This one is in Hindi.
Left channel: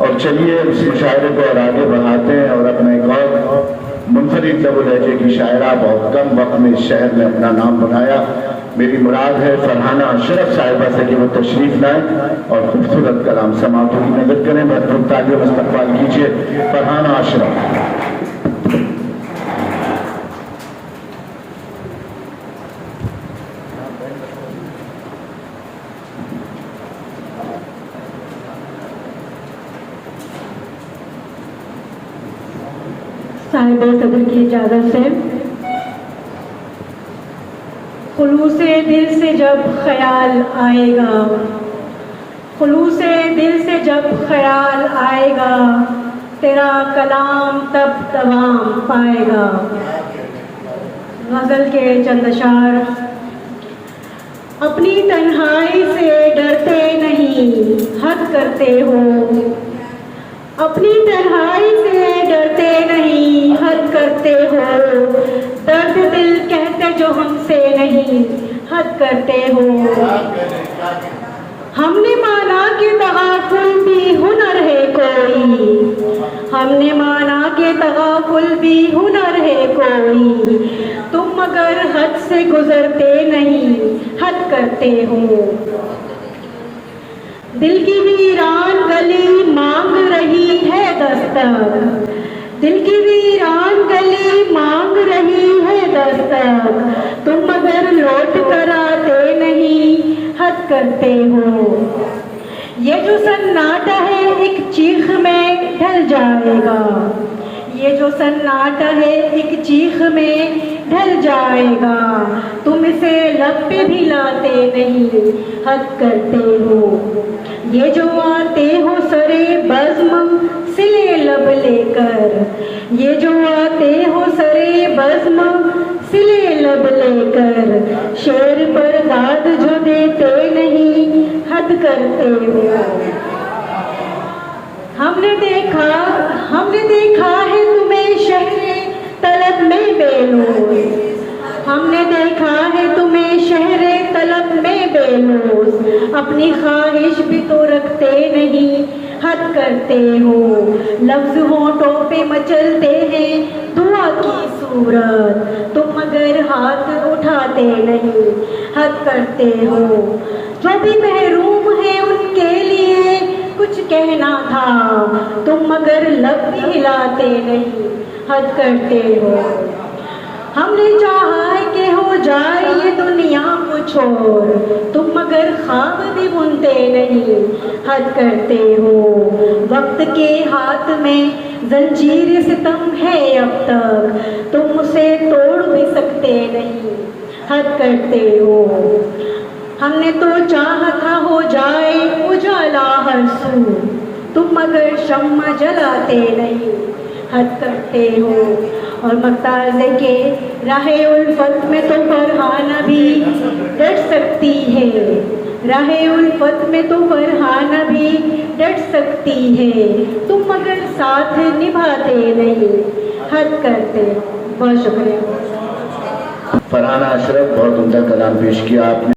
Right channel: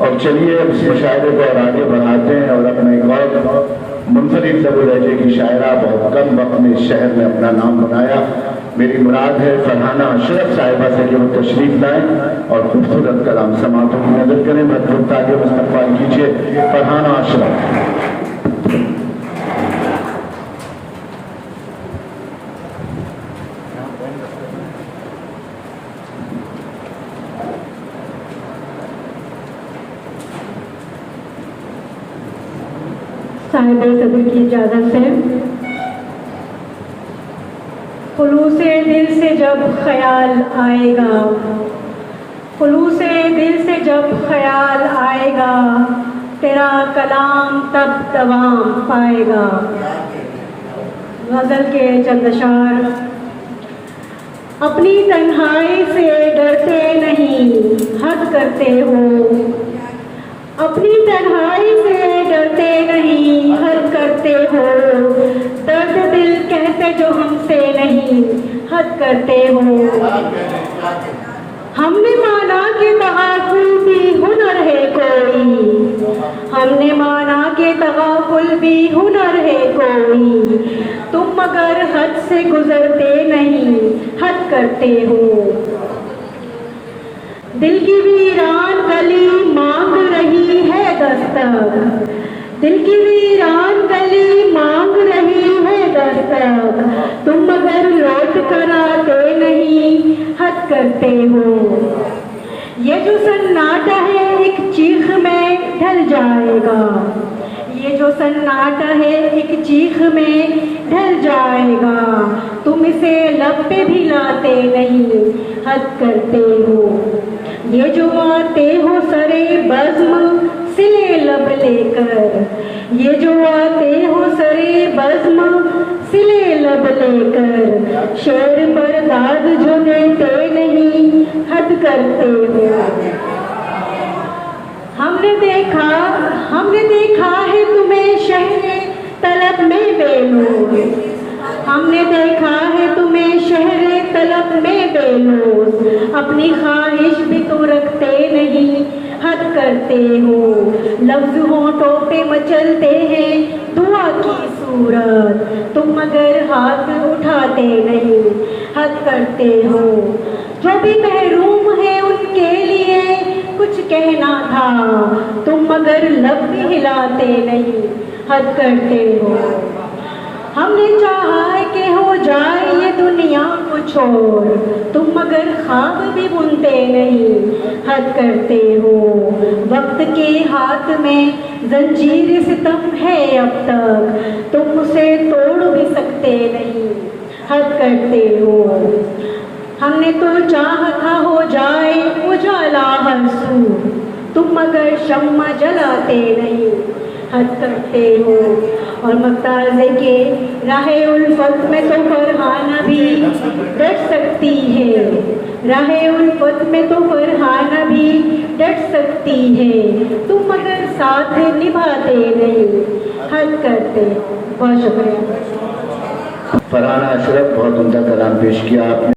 और चलिए उस मुशायरे को और आगे बढ़ाते हैं और अपने एक और मुनफरिद लबो लहजे की शायरा बहुत कम वक्त में इस शहर में अपना नाम बनाया। मेरी मुराद है फरहाना अशरफ साहिबा से कि वो तशरीफ लाएं और खूबसूरत कलाम समातों की मदद करें। भरपूर तालियों में इस्तकबाल कीजिए फरहाना अशरफ। साहिब सदर की इजाज़त से खुलूसे दिल से जब ख्याल आएगा, खुलूसे दिल से जब ख्याल आएगा, तेरा कलाम तब तमाम पाएगा। गज़ल के चंद अशार। अपनी तन्हाई से डरते नहीं, हद करते हो। अपनी तन्हाई से डरते नहीं, हद करते हो। दर्द दिल कहते जो हमसे नहीं, हद करते हो। हमने माना कि तगाफुल भी हुनर है कोई, हमने माना कि तगाफुल भी हुनर है कोई। तुम मगर हद से गुजरते नहीं, हद करते हो। दिल की वीरान गली मांग रही है दस्तक, दिल की वीरान गली मांग रही है दस्तक। तुम मगर लौट कर आते नहीं, हद करते हो। ये जो सन्नाटा है एक चीख में ढल जाएगा, ये जो सन्नाटा है एक चीख में ढल जाएगा। तुम इसे लब पे भी लाते नहीं, हद करते हो। ये जो आते हो सरे बज़्म सिले लब लेकर, ये जो आते हो सरे बज़्म सिले लब लेकर। शेर पर दाद जो देते नहीं, हद करते हो। हमने देखा है तुम्हें शहरे तलब में बेलूस, हमने देखा है तुम्हें शहरे तलब में बेलूस। अपनी ख्वाहिश भी तो रखते नहीं, हद करते हो। लफ्ज़ होठों पे मचलते हैं दुआ की सूरत, तुम मगर हाथ उठाते नहीं, हद करते हो। जो भी महरूम है उनके लिए कुछ कहना था, तुम मगर लब भी हिलाते नहीं, हद करते हो। हमने चाहा है कि हो जाए ये दुनिया कुछ और, तुम मगर ख्वाब भी बुनते नहीं, हद करते हो। वक्त के हाथ में जंजीर सितम है अब तक, तुम उसे तोड़ भी सकते नहीं, हद करते हो। हमने तो चाहा था हो जाए उजाला हर सू, तुम मगर शम्मा जलाते नहीं, हद करते हो। और मक्ताज़े के राहे उल्फत में तो फरहाना भी डट सकती है, राहे उल्फत में तो फरहाना भी डट सकती है। तुम मगर साथ निभाते नहीं, हद करते। बहुत शुक्रिया। फरहाना अशरफ, बहुत उम्दा कलाम पेश किया आपने।